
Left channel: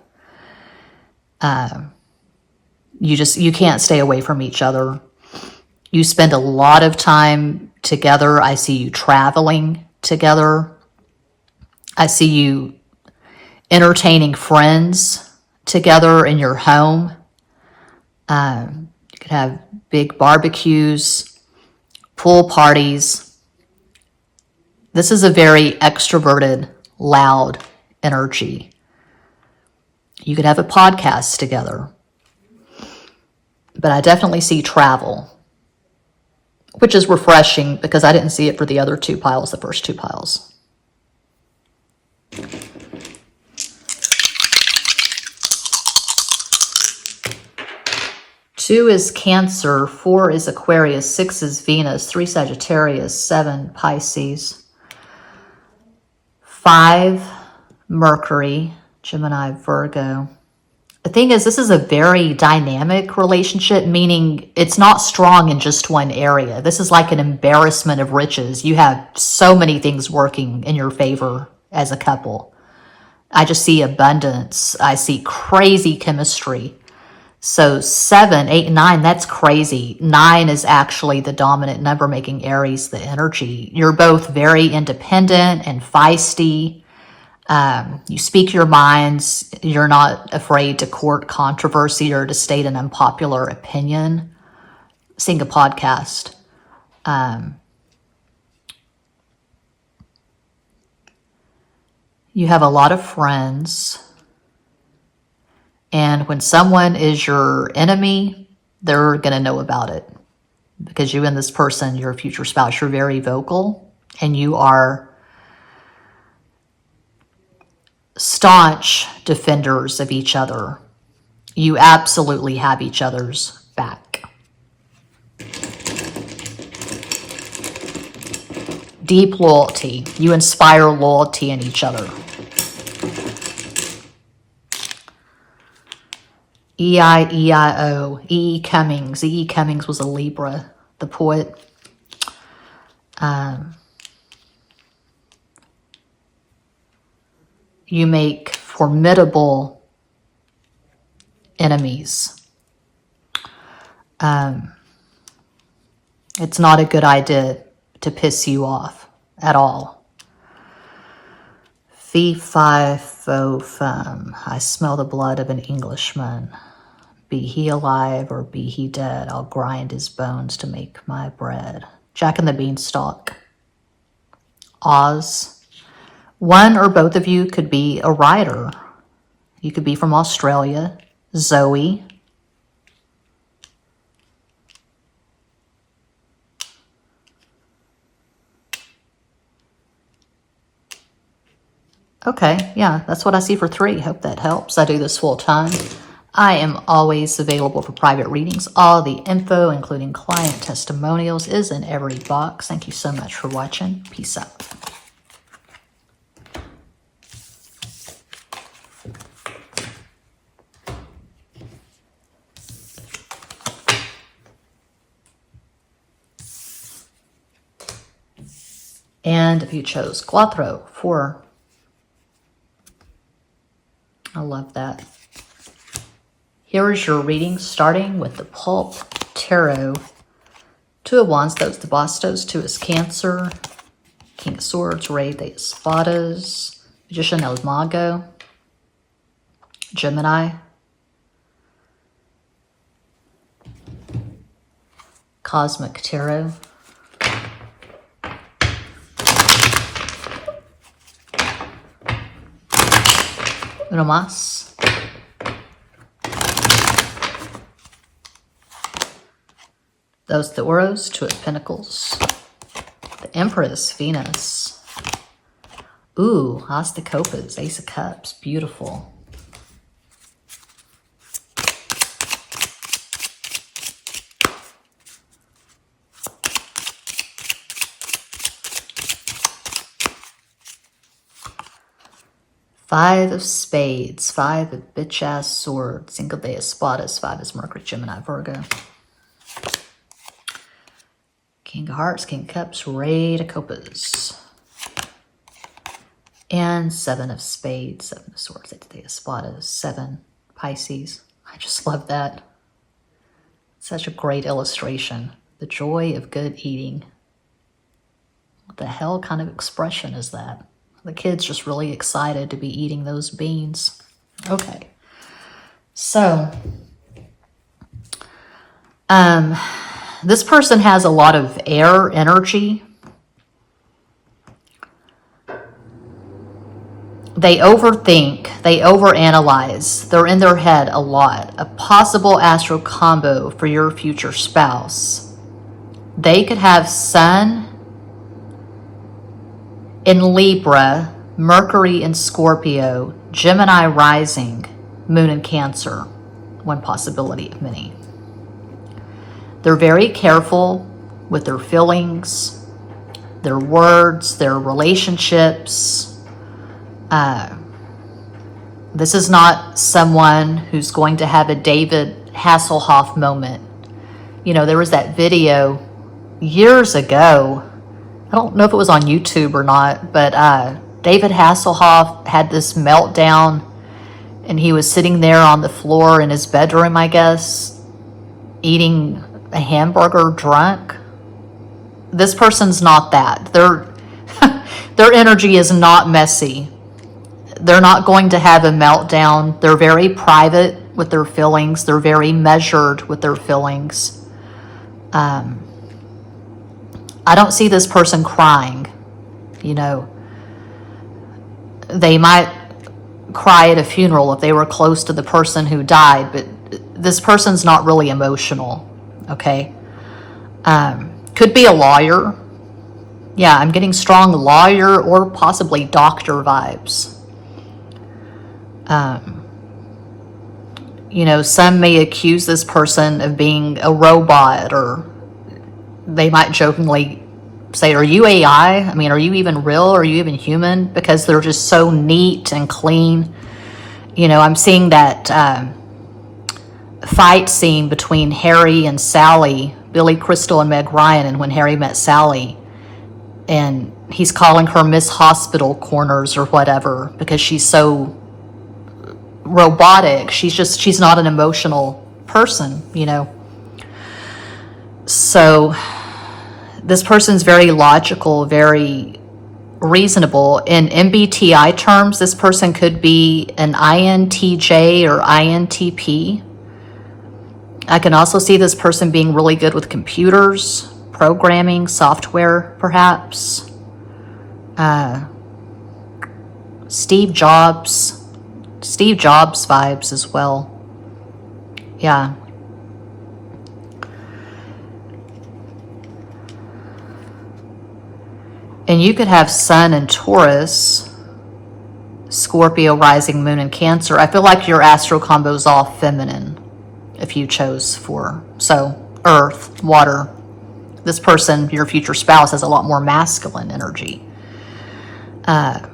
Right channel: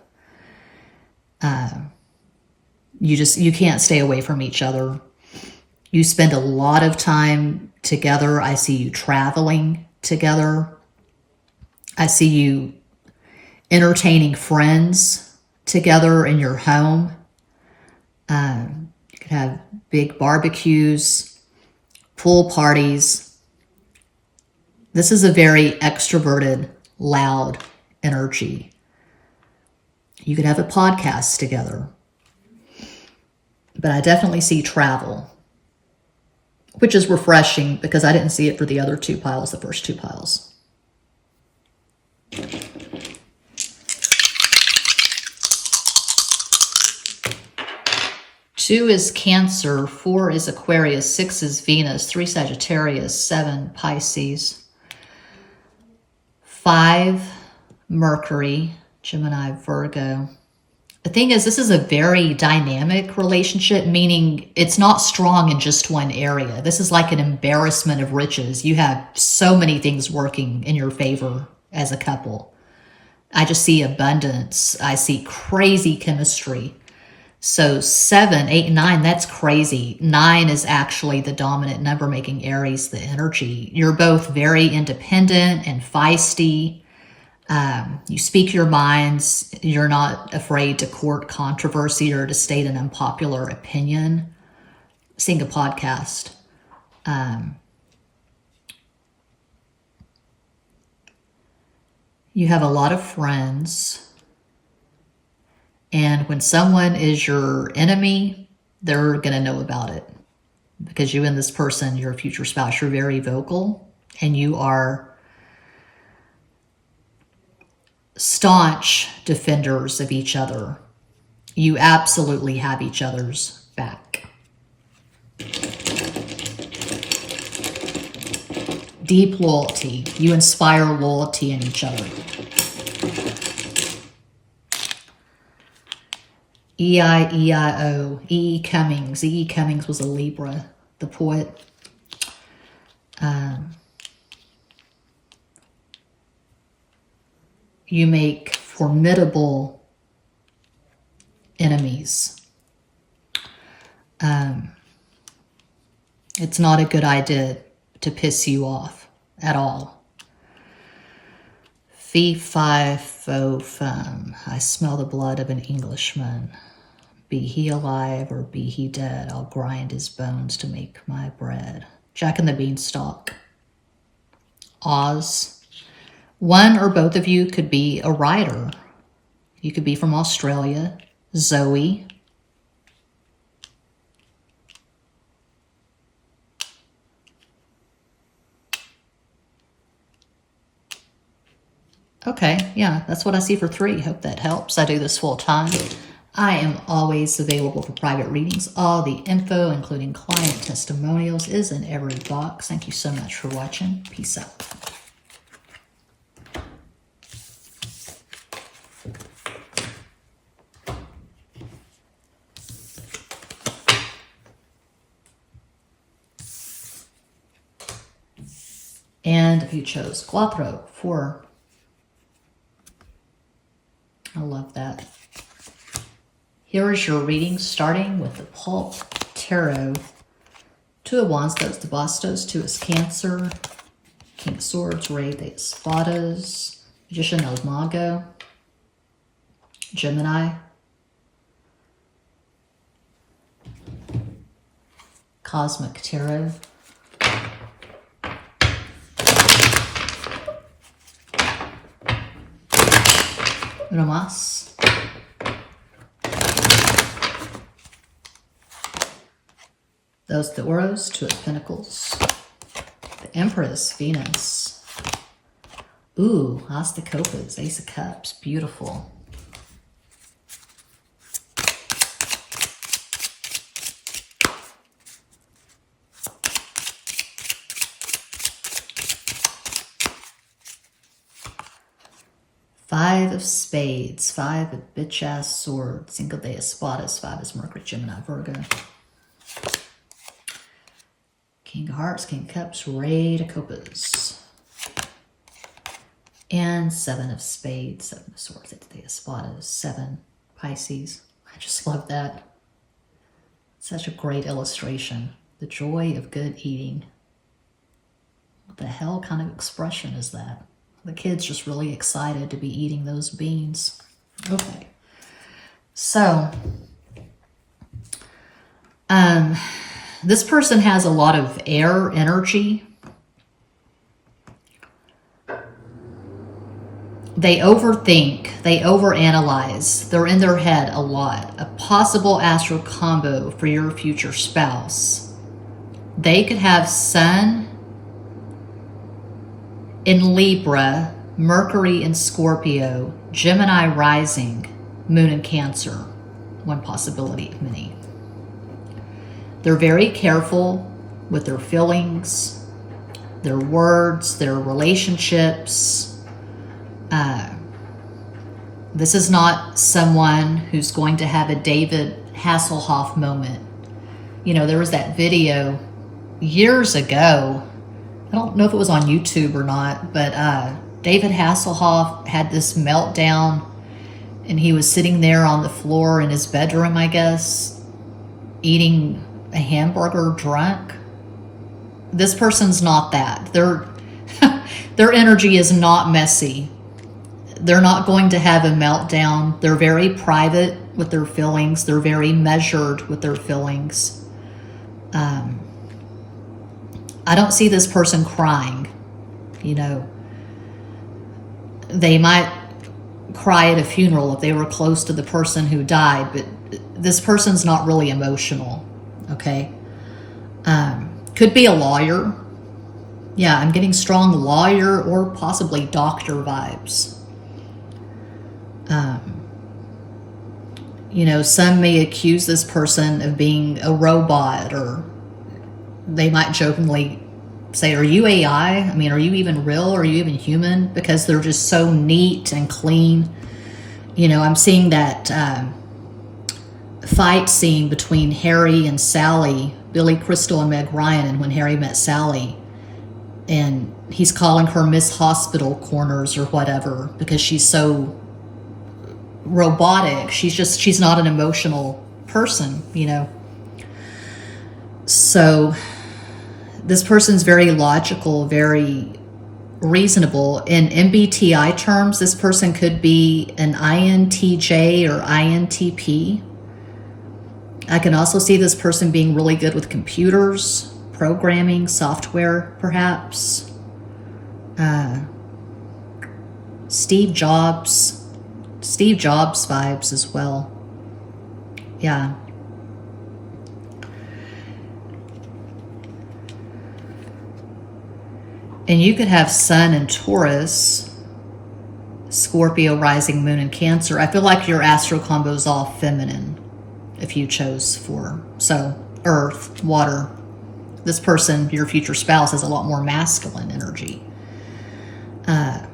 You can't stay away from each other. You spend a lot of time together. I see you traveling together. I see you entertaining friends together in your home. You could have big barbecues, pool parties. This is a very extroverted, loud energy. You could have a podcast together. But I definitely see travel, which is refreshing because I didn't see it for the other 2 piles, the first 2 piles. 2 is Cancer, 4 is Aquarius, 6 is Venus, 3 Sagittarius, 7 Pisces, 5 Mercury, Gemini, Virgo, The thing is, this is a very dynamic relationship, meaning it's not strong in just one area. This is like an embarrassment of riches. You have so many things working in your favor as a couple. I just see abundance. I see crazy chemistry. So 7, 8, 9, that's crazy. 9 is actually the dominant number, making Aries the energy. You're both very independent and feisty. You speak your minds. You're not afraid to court controversy or to state an unpopular opinion. Seeing a podcast. You have a lot of friends. And when someone is your enemy, they're going to know about it. Because you and this person, your future spouse, you're very vocal. And you are staunch defenders of each other. You absolutely have each other's back. Deep loyalty. You inspire loyalty in each other. E-I-E-I-O. E. Cummings. E. Cummings was a Libra, the poet. You make formidable enemies. It's not a good idea to piss you off at all. Fee, fi, fo, fum. I smell the blood of an Englishman. Be he alive or be he dead, I'll grind his bones to make my bread. Jack and the Beanstalk. Oz. One or both of you could be a writer. You could be from Australia. Zoe. Okay, yeah, that's what I see for 3. Hope that helps. I do this full time. I am always available for private readings. All the info, including client testimonials, is in every box. Thank you so much for watching. Peace out. And you chose 4. I love that. Here is your reading, starting with the Pulp Tarot. 2 of Wands, those the Bastos. 2 is Cancer. King of Swords, Rey de Espadas. Magician El Mago. Gemini. Cosmic Tarot. Uno más. Those the Oros, 2 of Pentacles. The Empress, Venus. Ooh, As de Copas, Ace of Cups, beautiful. Five of Spades, 5 of bitch-ass swords, Cinco de Espadas, 5 is Mercury, Gemini, Virgo. King of Hearts, King of Cups, Rey de Copas. And 7 of Spades, 7 of Swords, 8 de Espadas, 7 Pisces. I just love that. Such a great illustration. The joy of good eating. What the hell kind of expression is that? The kid's just really excited to be eating those beans. Okay. So, this person has a lot of air energy. They overthink, they overanalyze, they're in their head a lot. A possible astral combo for your future spouse. They could have Sun in Libra, Mercury in Scorpio, Gemini rising, Moon in Cancer. One possibility of many. They're very careful with their feelings, their words, their relationships. This is not someone who's going to have a David Hasselhoff moment. You know, there was that video years ago. I don't know if it was on YouTube or not, but David Hasselhoff had this meltdown, and he was sitting there on the floor in his bedroom, I guess, eating a hamburger drunk. This person's not that. Their energy is not messy. They're not going to have a meltdown. They're very private with their feelings. They're very measured with their feelings. I don't see this person crying. You know, they might cry at a funeral if they were close to the person who died, but this person's not really emotional, okay? Could be a lawyer. Yeah, I'm getting strong lawyer or possibly doctor vibes. You know, some may accuse this person of being a robot, or they might jokingly say, are you AI? I mean, are you even real? Are you even human? Because they're just so neat and clean. You know, I'm seeing that fight scene between Harry and Sally, Billy Crystal and Meg Ryan, and When Harry Met Sally. And he's calling her Miss Hospital Corners or whatever because she's so robotic. She's not an emotional person, you know. So this person's very logical, very reasonable. In MBTI terms, this person could be an INTJ or INTP. I can also see this person being really good with computers, programming, software, perhaps. Steve Jobs vibes as well. Yeah. And you could have Sun in Taurus, Scorpio, rising moon in Cancer. I feel like your astro combo is all feminine if you chose for. So earth, water. This person, your future spouse, has a lot more masculine energy. And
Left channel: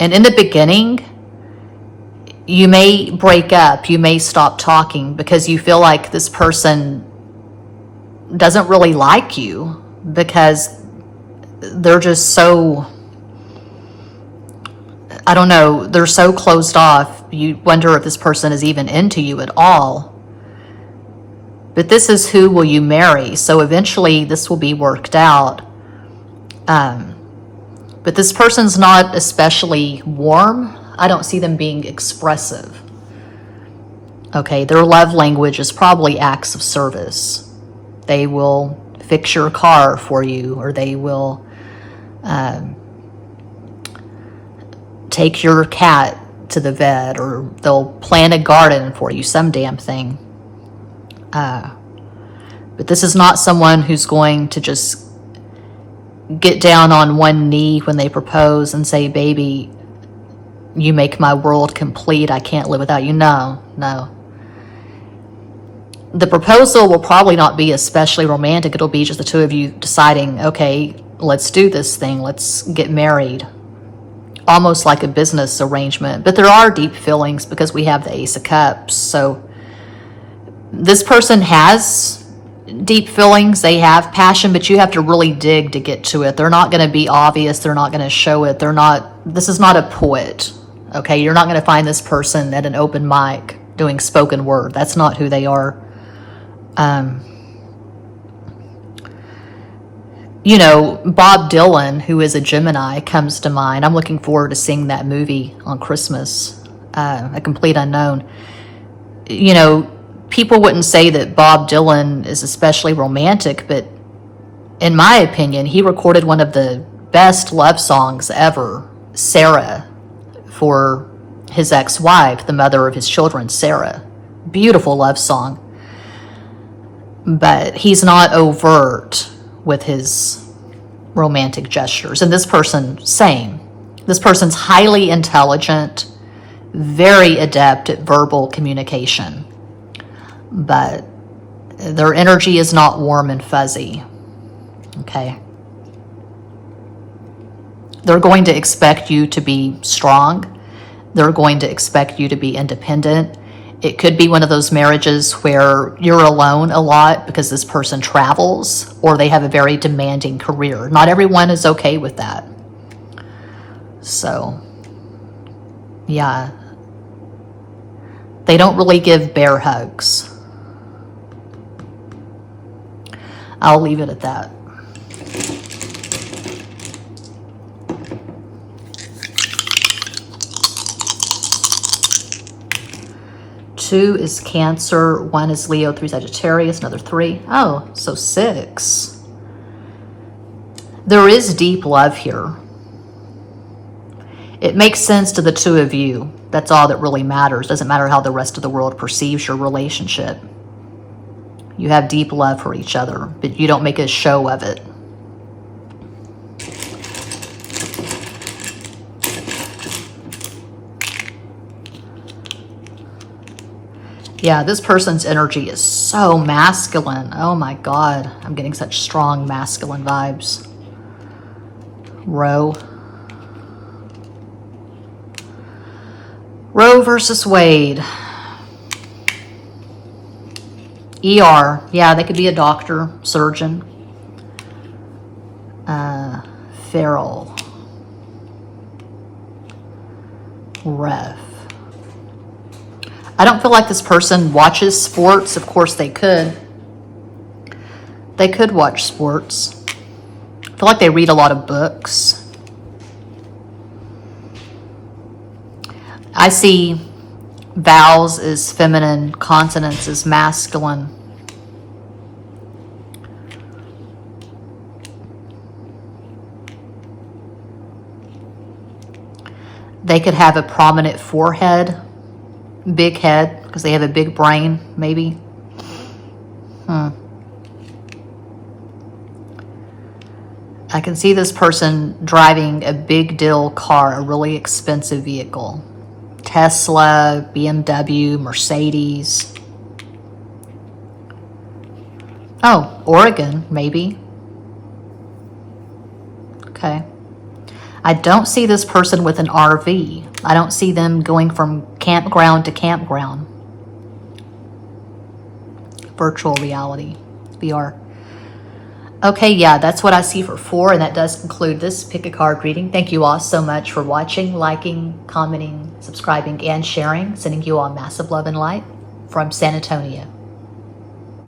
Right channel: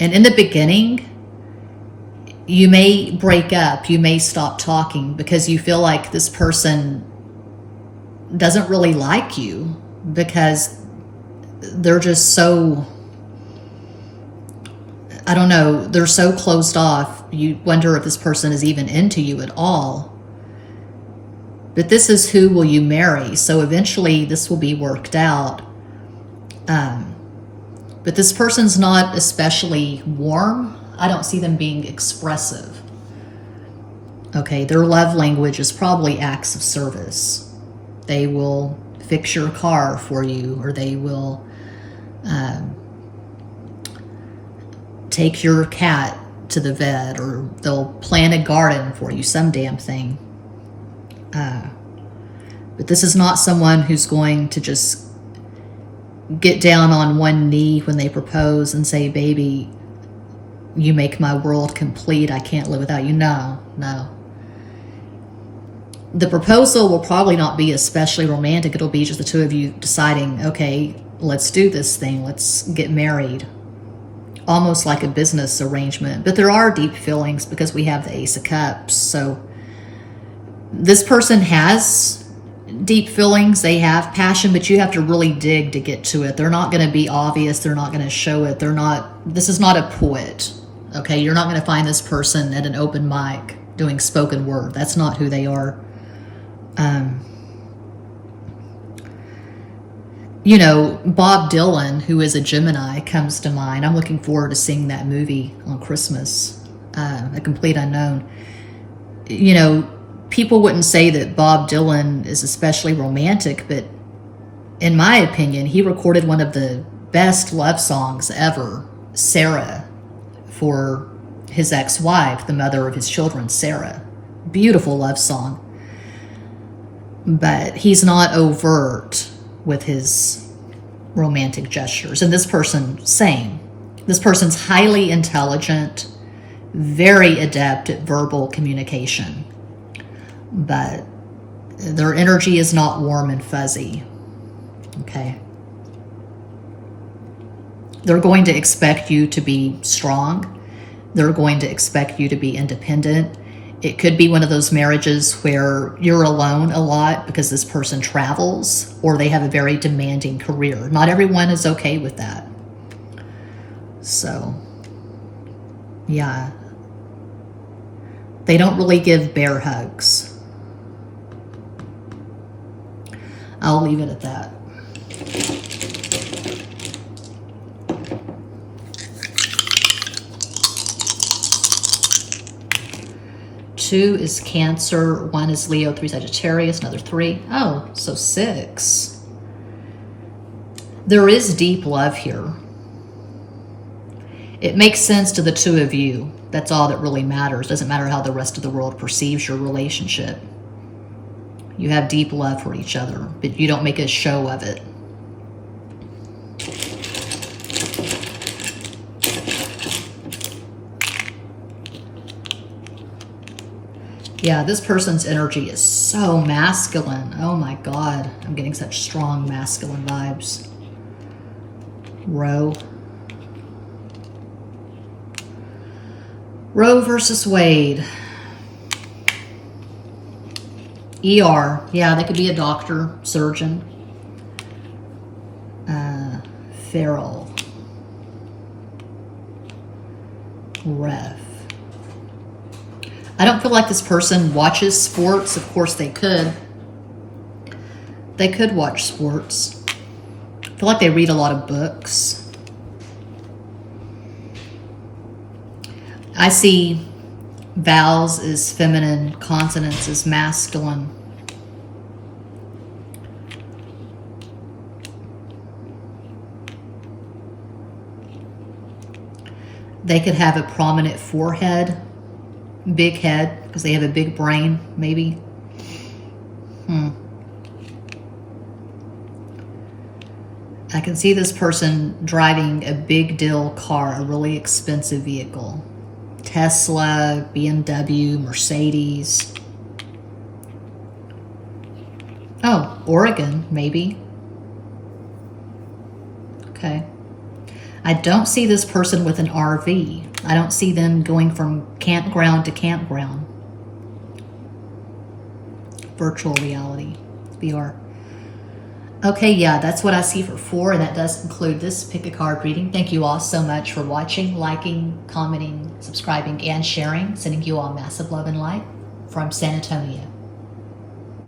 in the beginning, you may break up, you may stop talking because you feel like this person doesn't really like you because they're just so, I don't know, they're so closed off. You wonder if this person is even into you at all. But this is who will you marry. So eventually this will be worked out. But this person's not especially warm. I don't see them being expressive. Okay, their love language is probably acts of service. They will fix your car for you, or they will take your cat to the vet, or they'll plant a garden for you, some damn thing. But this is not someone who's going to just get down on one knee when they propose and say, baby, you make my world complete. I can't live without you. No. The proposal will probably not be especially romantic. It'll be just the two of you deciding, okay, let's do this thing. Let's get married. Almost like a business arrangement. But there are deep feelings because we have the Ace of Cups. So this person has deep feelings. They have passion, but you have to really dig to get to it. They're not going to be obvious. They're not going to show it. This is not a poet. Okay, you're not going to find this person at an open mic doing spoken word. That's not who they are. You know, Bob Dylan, who is a Gemini, comes to mind. I'm looking forward to seeing that movie on Christmas, A Complete Unknown. You know, people wouldn't say that Bob Dylan is especially romantic, but in my opinion, he recorded one of the best love songs ever, Sarah, for his ex-wife, the mother of his children, Sarah. Beautiful love song. But he's not overt with his romantic gestures. And this person, same. This person's highly intelligent, very adept at verbal communication. But their energy is not warm and fuzzy. Okay? They're going to expect you to be strong. They're going to expect you to be independent. It could be one of those marriages where you're alone a lot because this person travels or they have a very demanding career. Not everyone is okay with that. So, yeah. They don't really give bear hugs. I'll leave it at that. Two is Cancer, one is Leo, three Sagittarius, another three. Oh, so six. There is deep love here. It makes sense to the two of you. That's all that really matters. Doesn't matter how the rest of the world perceives your relationship. You have deep love for each other, but you don't make a show of it. Yeah, this person's energy is so masculine. Oh my God, I'm getting such strong masculine vibes. Roe. Roe versus Wade. ER. Yeah, they could be a doctor, surgeon. Feral. Ref. I don't feel like this person watches sports. Of course they could. They could watch sports. I feel like they read a lot of books. I see vowels as feminine, consonants as masculine. They could have a prominent forehead, big head, because they have a big brain, maybe. I can see this person driving a big deal car, a really expensive vehicle. Tesla, BMW, Mercedes. Oh, Oregon, maybe. Okay. I don't see this person with an RV. I don't see them going from campground to campground. Virtual reality, VR. Okay, yeah, that's what I see for 4, and that does conclude this pick a card reading. Thank you all so much for watching, liking, commenting, subscribing, and sharing. Sending you all massive love and light from San Antonio.